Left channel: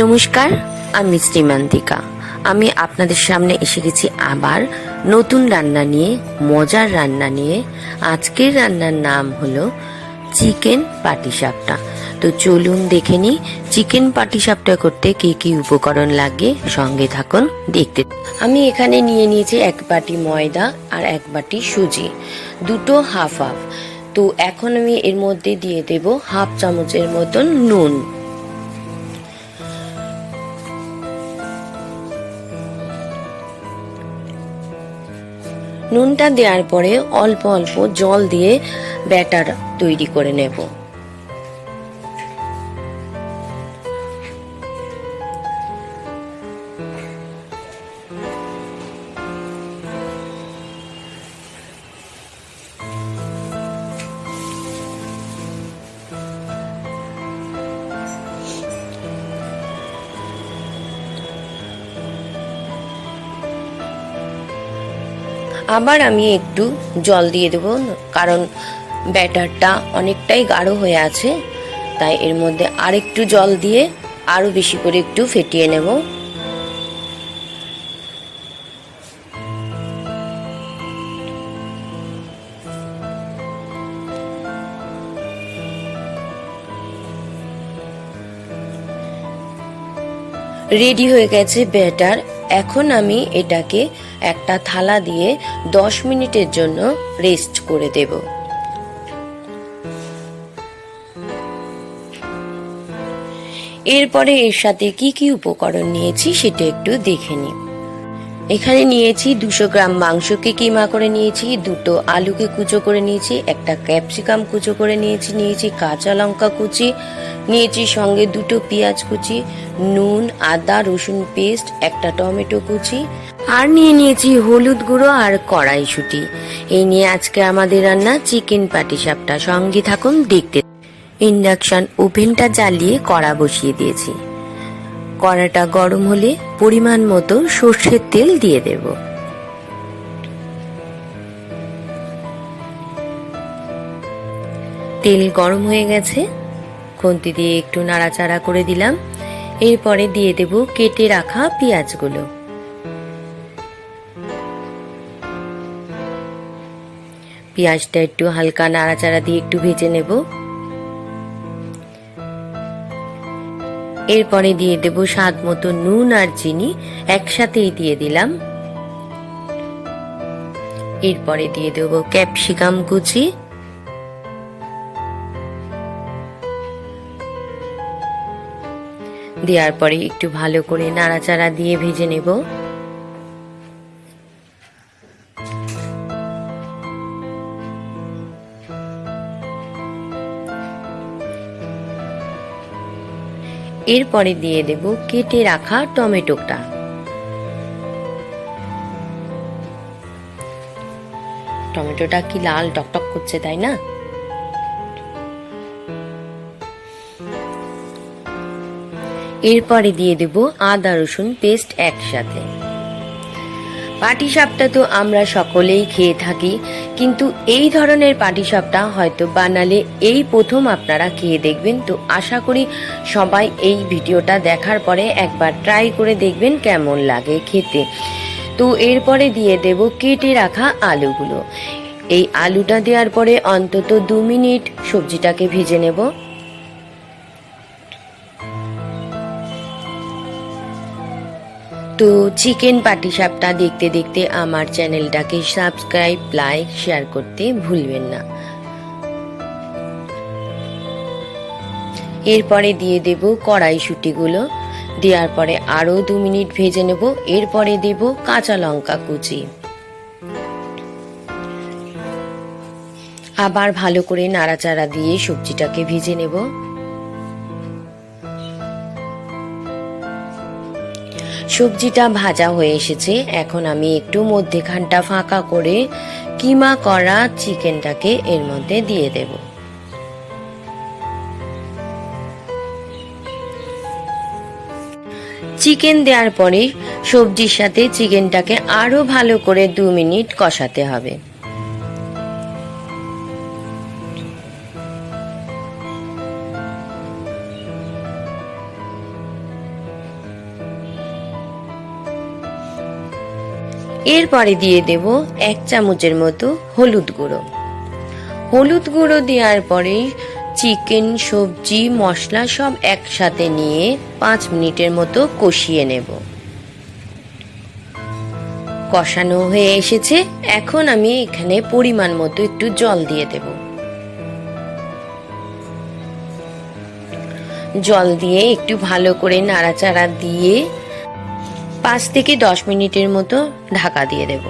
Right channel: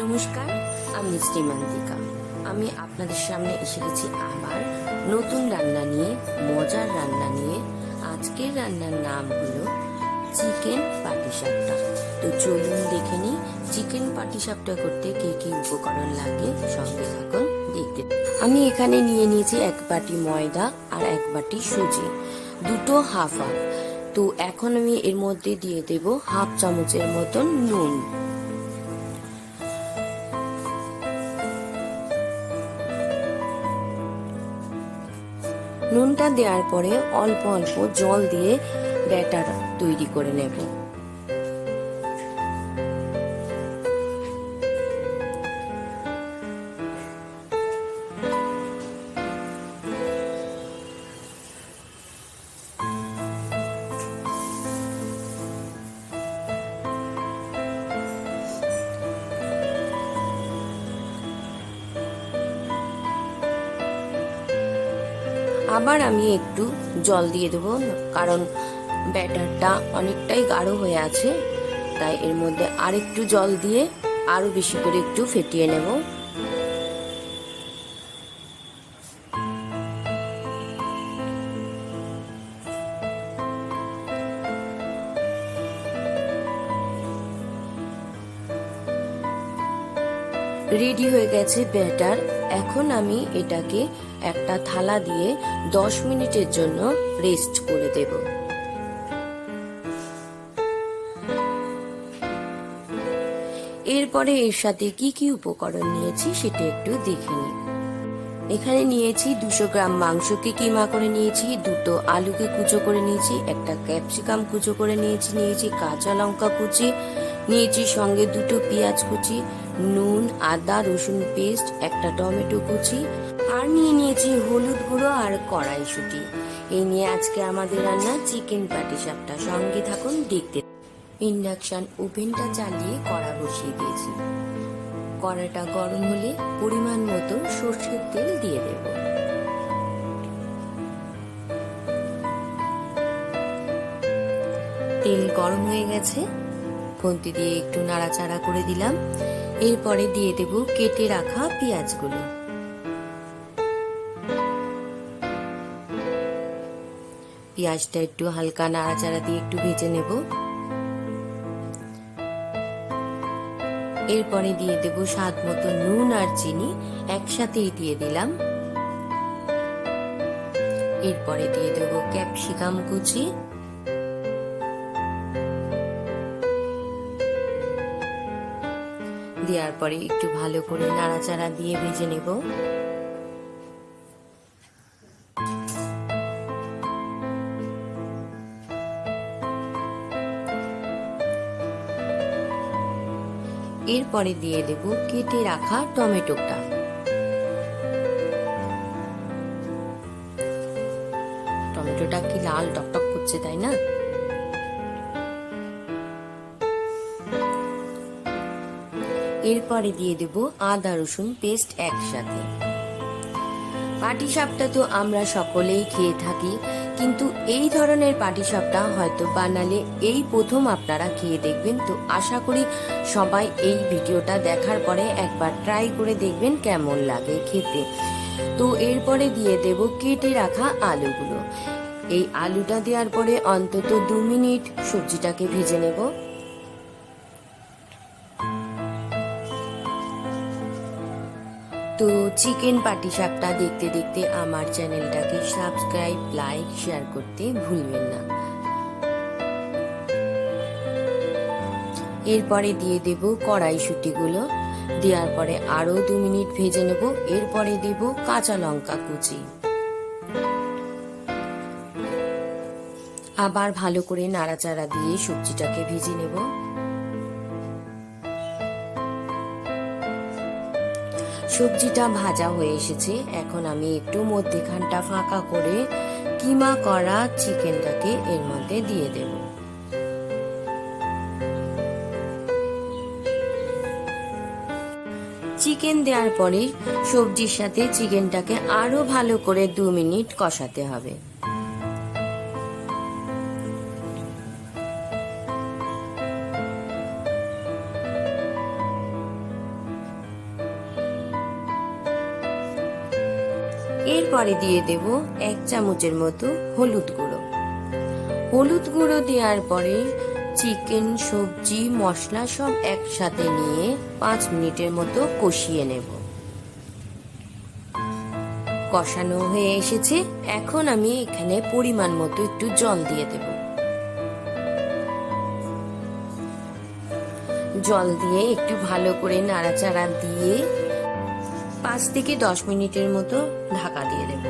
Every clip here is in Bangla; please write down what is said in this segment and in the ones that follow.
নমস্কার, আমি শ্রীমান্তিকা। আমি আপনাদের সামনে এসে গেছি আবার নতুন রান্না নিয়ে, মজার রান্না নিয়ে। আজকের রান্নার নাম হলো চিকেন পাটিসাপটা। তো চলুন দেখে নিই চিকেন পাটিসাপটা করতে কি কি উপকরণ লাগে। সঙ্গে থাকুন দেখতে। আমি এখানে নিয়ে নিয়েছি 1 বাটি ময়দা আর 1 বাটি সুজি, দুটো হাফ হাফ। তো এখন আমি এর মধ্যে দিয়ে দেব হাফ চামচের মতন নুন। নুনটা দেওয়ার পরে অল্প অল্প জল দিয়ে ব্যাটার তৈরি করে নেব। আবার আমি একটু জল দিয়ে দেবো, কারণ ব্যাটারটা অনেকটাই গাঢ় হয়ে আছে, তাই এর মধ্যে আরেকটু জল দিয়ে আরো বেশি করে একটু ফেটিয়ে নেব। রেডি হয়ে গেছে ব্যাটার। এখন আমি এটাকে একটা থালা দিয়ে 10 মিনিটের জন্য রেস্ট করে দেব। এরপরে এর সাথে কি কি উপকরণ নিয়েছি সেটা একটু দেখে নিই। এখানে নিয়েছি 200 গ্রাম মাংসকে কিমা করে নিয়েছি, দুটো আলুকে কুচো করে নিয়েছি, একটা ক্যাপসিকাম কুচো করে নিয়েছি কাঁচা লঙ্কা কুচি নিয়েছি, সঙ্গে দুটো পেঁয়াজ কুচি, নুন, আদা রসুন পেস্ট, একটা টমেটো কুচি, আর নিয়ে নিয়েছি হলুদ গুঁড়ো আর কড়াইশুঁটি। এই নিয়ে আজকে আমাদের রান্না চিকেন পাটিসাপটা। সঙ্গে থাকুন দেখতে। ইন্ডাকশন ওভেনটা জ্বালিয়ে কড়া বসিয়ে দিয়েছি। কড়াটা গরম হলে পরিমাণ মতো সর্ষের তেল দিয়ে দেব। তেল গরম হয়ে গেছে, খুন্তি দিয়ে একটু নাড়াচাড়া করে দিলাম। এরপরে দিয়ে দেব কেটে রাখা পেঁয়াজগুলো। পেঁয়াজটা একটু হালকা নাড়াচাড়া দিয়ে একটু ভেজে নেব। এরপরে দিয়ে দেব স্বাদ মতো নুন আর চিনি একসাথেই দিয়ে দিলাম। এরপরে দিয়ে দেব ক্যাপসিকাম কুচি, দেওয়ার পরে একটু ভালো করে নাড়াচাড়া দিয়ে ভেজে নেব। এরপরে দিয়ে দেব কেটে রাখা টমেটোটা। টমেটোটা কি লাল টকটক করছে, তাই না? এরপরে দিয়ে দেব আদা রসুন পেস্ট একসাথে। পাটিসাপটা তো আমরা সকলেই খেয়ে থাকি, কিন্তু এই ধরনের পাটিসাপটা হয়তো বানালে এই প্রথম আপনারা খেয়ে দেখবেন। তো আশা করি সবাই এই ভিডিওটা দেখার পরে একবার ট্রাই করে দেখবেন কেমন লাগে খেতে। তো এরপরে দিয়ে দেব কেটে রাখা আলুগুলো। এই আলুটা দেওয়ার পরে অন্তত 2 মিনিট সবজিটাকে ভেজে নেব। তো চিকেন পাটিসাপটা দেখতে দেখতে আমার চ্যানেলটাকে সাবস্ক্রাইব, লাইক, শেয়ার করতে ভুলবেন না। এরপরে দিয়ে দেব কড়াইশুঁটিগুলো, দেওয়ার পরে আরো 2 মিনিট ভেজে নেব। এরপরে দেব কাঁচা লঙ্কা কুচি। আবার ভালো করে নাড়াচাড়া দিয়ে সবজিটাকে ভেজে নেব। সবজিটা ভাজা হয়ে এসেছে। এখন আমি একটু মধ্যেখানটা ফাঁকা করে কিমা করা চিকেনটাকে এর মধ্যে দিয়ে দেব। চিকেন দেওয়ার পরে সবজির সাথে চিকেনটাকে আরো ভালো করে 2 মিনিট কষাতে হবে। এরপরে দিয়ে দেব 1 চামচের মতো হলুদ গুঁড়ো। হলুদ গুঁড়ো দেওয়ার পরে চিকেন, সবজি, মশলা সব একসাথে নিয়ে 5 মিনিটের মতো কষিয়ে নেব। কষানো হয়ে এসেছে, এখন আমি এখানে পরিমাণ মতো একটু জল দিয়ে দেব। জল দিয়ে একটু ভালো করে নাড়াচাড়া দিয়ে 5 থেকে 10 মিনিটের মতো ঢাকা দিয়ে দেব।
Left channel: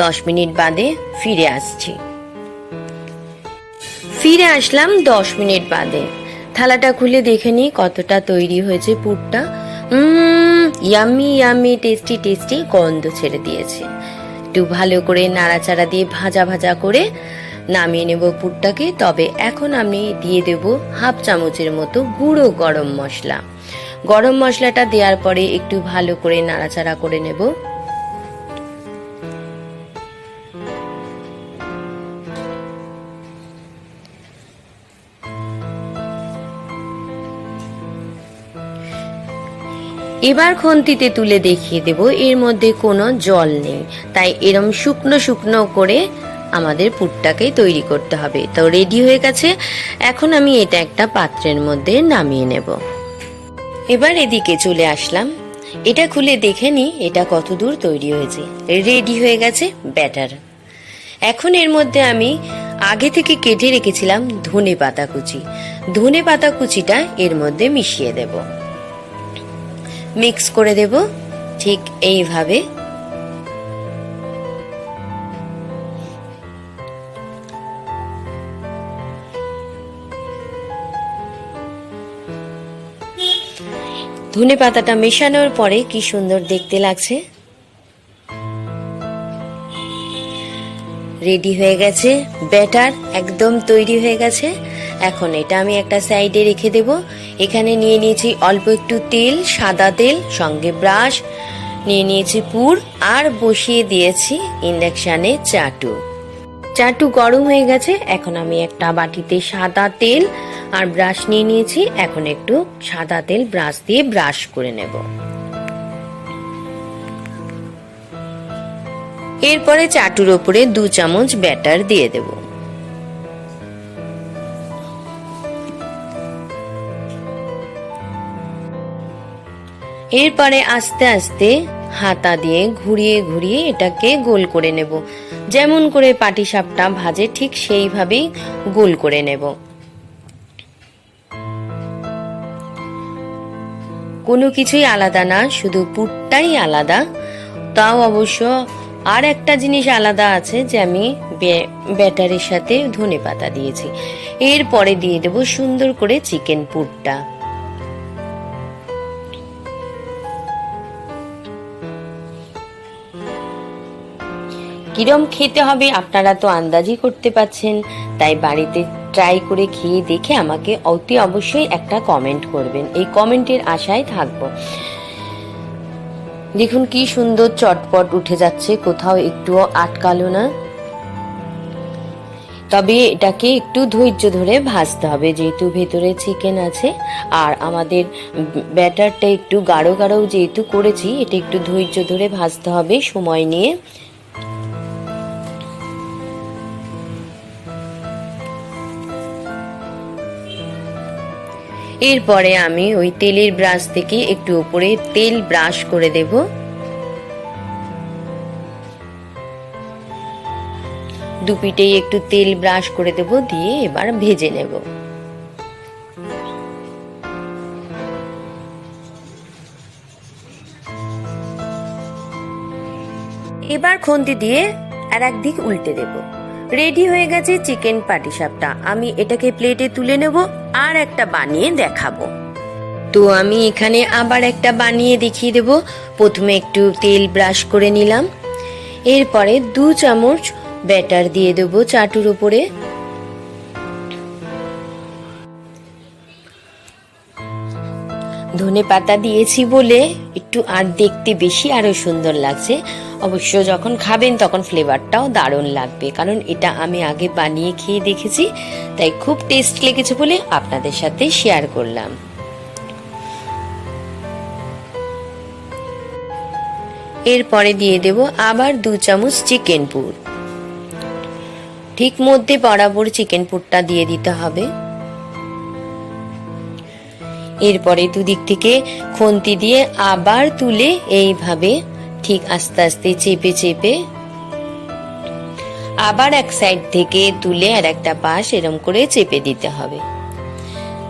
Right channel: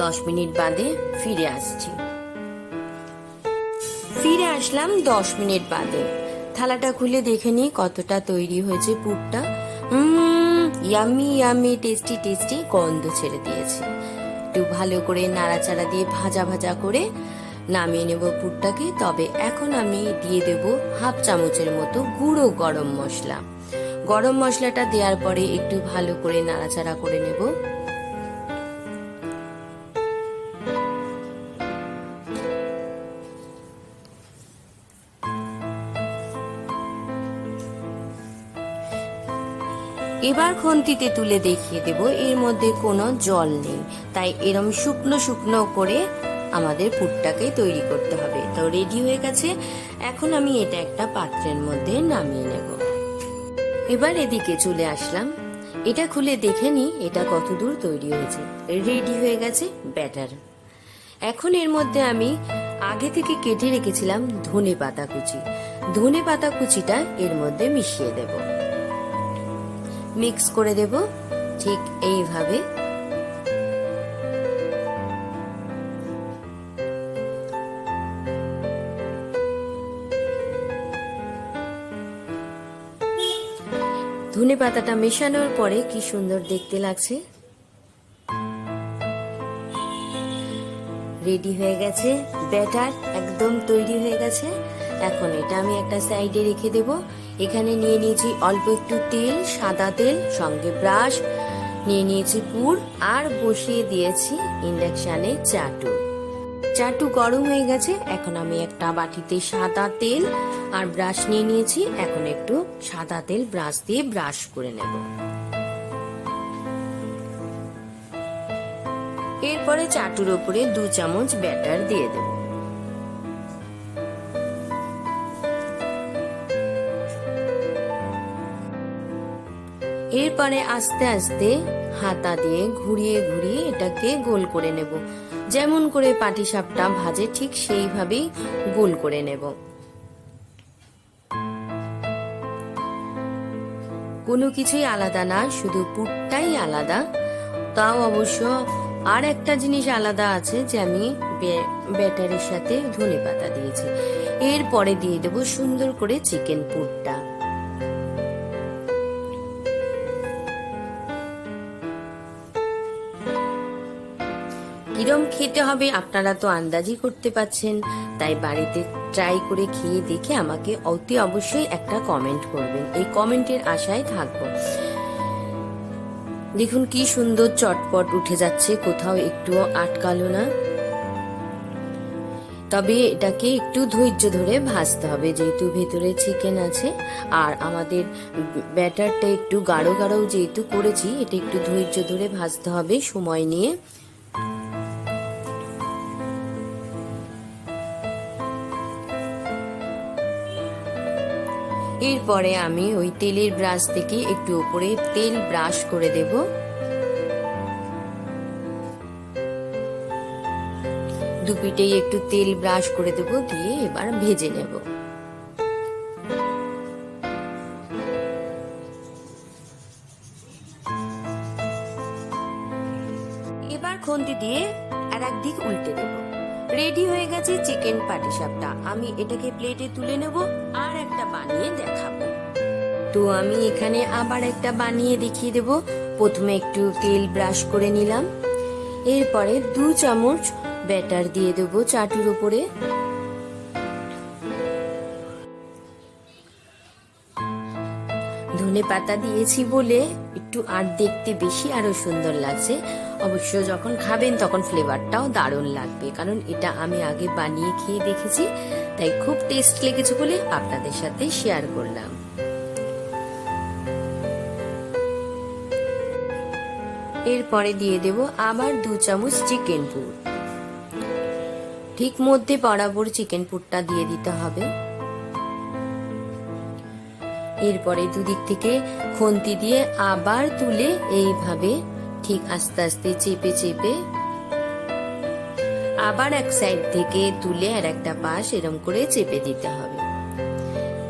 10 মিনিট বাদে ফিরে আসছি। ফিরে আসলাম 10 মিনিট বাদে। থালাটা খুলে দেখে নিই কতটা তৈরি হয়েছে পুরটা। ইয়ামি ইয়ামি টেস্টি টেস্টি গন্ধ ছেড়ে দিয়েছে। একটু ভালো করে নাড়াচাড়া দিয়ে ভাজা ভাজা করে নামিয়ে নেব পুরটাকে। তবে এখন আমি দিয়ে দেব 1/2 চামচের মতো গুঁড়ো গরম মশলা। গরম মশলাটা দেওয়ার পরে একটু ভালো করে নাড়াচাড়া করে নেব। এবার খুন্তিতে তুলে দেখিয়ে দেব এর মধ্যে কোনো জল নেই, তাই এরম শুকনো শুকনো করে আমাদের পুরটাকে তৈরি করতে হবে। তো রেডি হয়ে গেছে, এখন আমি এটা একটা পাত্রের মধ্যে নামিয়ে নেব। এবার এদিকে চলে আসলাম, এটা খুলে দেখে নি এটা কত দূর তৈরি হয়েছে। রেডি হয়ে গেছে ব্যাটার। এখন এর মধ্যে আমি আগে থেকে কেটে রেখেছিলাম ধনে পাতা কুচি। ধনে পাতা কুচিটা এর মধ্যে মিশিয়ে দেব, মিক্স করে দেব ঠিক এইভাবে। ধনে পাতাটা মেশানোর পরে কি সুন্দর দেখতে লাগছে। রেডি হয়ে গেছে ব্যাটার, একদম তৈরি হয়ে গেছে। এখন এটা আমি একটা সাইডে রেখে দেব। এখানে নিয়ে নিয়েছি অল্প একটু তেল, সাদা তেল, সঙ্গে ব্রাশ নিয়ে নিয়েছি পুর, আর বসিয়ে দিয়েছি ইন্ডাকশানে চাটু। চাটু গরম হয়ে গেছে, এখন আমি একটা বাটিতে সাদা তেল আর ব্রাশ নিয়ে নিয়েছি। এখন একটু সাদা তেল ব্রাশ দিয়ে ব্রাশ করে নেব। এরপরে চাটুর ওপরে 2 চামচ ব্যাটার দিয়ে দেব। এরপরে আস্তে আস্তে হাতা দিয়ে ঘুরিয়ে ঘুরিয়ে এটাকে গোল করে নেব। যেমন করে পাটিসাপটা ভাজে ঠিক সেইভাবেই গোল করে নেব। কোনো কিছুই আলাদা না, শুধু পুরটাই আলাদা। তাও অবশ্য আর একটা জিনিস আলাদা আছে, যে আমি ব্যাটারের সাথে ধনেপাতা দিয়েছি। এরপরে দিয়ে দেব সুন্দর করে চিকেন পুরটা। কিরম খেতে হবে আপনারা তো আন্দাজই করতে পাচ্ছেন, তাই বাড়িতে ট্রাই করে খেয়ে দেখে আমাকে অতি অবশ্যই একটা কমেন্ট করবেন। এই কমেন্টের আশায় থাকবো। দেখুন কি সুন্দর চটপট উঠে যাচ্ছে, কোথাও একটুও আটকালো না। তবে এটাকে একটু ধৈর্য ধরে ভাজতে হবে, যেহেতু ভেতরে চিকেন আছে আর আমাদের ব্যাটারটা একটু গাঢ় গাঢ় যেহেতু করেছি, এটা একটু ধৈর্য ধরে ভাজতে হবে সময় নিয়ে। এরপরে আমি ওই তেলের ব্রাশ থেকে একটু উপরে তেল ব্রাশ করে দেব। দুপিটেই একটু তেল ব্রাশ করে দেব, দিয়ে এবার ভেজে নেব। এবার খুন্তি দিয়ে আর একদিক উল্টে দেব। রেডি হয়ে গেছে চিকেন পাটিসাপটা। আমি এটাকে প্লেটে তুলে নেব আর একটা বানিয়ে দেখাবো। তো আমি এখানে আবার একটা বানিয়ে দেখিয়ে দেব। প্রথমে একটু তেল ব্রাশ করে নিলাম, এরপরে 2 চামচ ব্যাটার দিয়ে দেব চাটুর উপরে। ধনেপাতা দিয়েছি বলে একটু আর দেখতে বেশি আরো সুন্দর লাগছে। অবশ্য যখন খাবেন তখন ফ্লেভারটাও দারুণ লাগবে, কারণ এটা আমি আগে বানিয়ে খেয়ে দেখেছি, তাই খুব টেস্ট লেগেছে বলে আপনাদের সাথে শেয়ার করলাম। এরপরে দিয়ে দেব আবার 2 চামচ চিকেন পুর। ঠিক মধ্যে বরাবর চিকেন পুরটা দিয়ে দিতে হবে। এরপরে দুদিক থেকে খুন্তি দিয়ে আবার তুলে এইভাবে ঠিক আস্তে আস্তে চেপে চেপে আবার এক সাইড থেকে তুলে আর একটা পাশ এরকম করে চেপে দিতে হবে।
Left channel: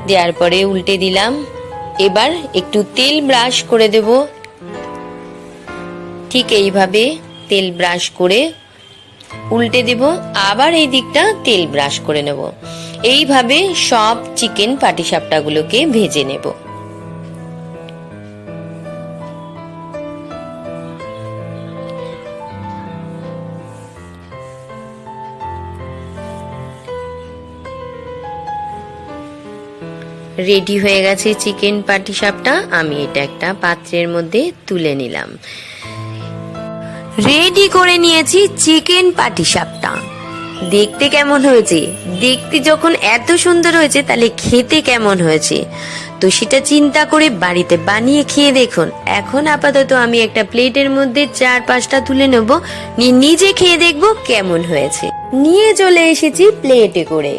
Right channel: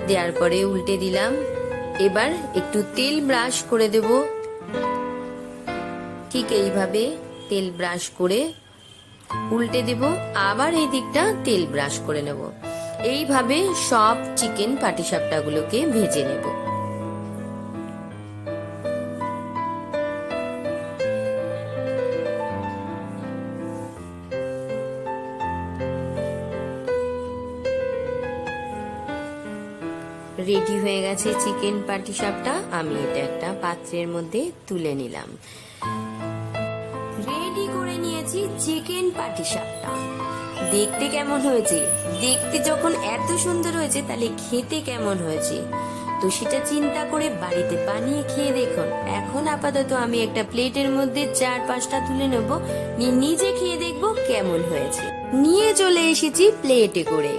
দেওয়ার পরে উল্টে দিলাম। এবার একটু তেল ব্রাশ করে দেব। ঠিক এইভাবে তেল ব্রাশ করে উল্টে দেব, আবার এই দিকটা তেল ব্রাশ করে নেব। এইভাবে সব চিকেন পাটিসাপটাগুলোকে ভেজে নেব। রেডি হয়ে গেছে চিকেন পাটিসাপটা। আমি এটা একটা পাত্রের মধ্যে তুলে নিলাম। রেডি করে নিয়েছি চিকেন পাটিসাপটা। দেখতে কেমন হয়েছে? দেখতে যখন এত সুন্দর হয়েছে তাহলে খেতে কেমন হয়েছে তো সেটা চিন্তা করে বাড়িতে বানিয়ে খেয়ে দেখুন। এখন আপাতত আমি একটা প্লেটের মধ্যে 4-5টা তুলে নেব, নিজে খেয়ে দেখব কেমন হয়েছে। নিয়ে চলে এসেছি প্লেটে করে।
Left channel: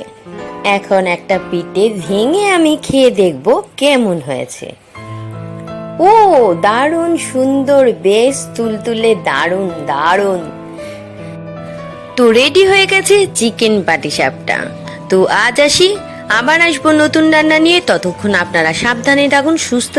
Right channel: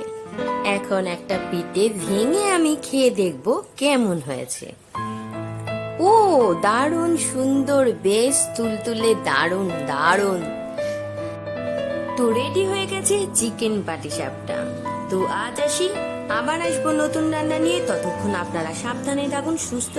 এখন একটা পিঠে ভেঙে আমি খেয়ে দেখব কেমন হয়েছে। ও দারুণ সুন্দর, বেশ তুলতুলে, দারুণ দারুণ। তো রেডি হয়ে গেছে চিকেন পাটিসাপটা। তো আজ আসি, আবার আসবো নতুন রান্না নিয়ে। ততক্ষণ আপনারা সাবধানে থাকুন, সুস্থ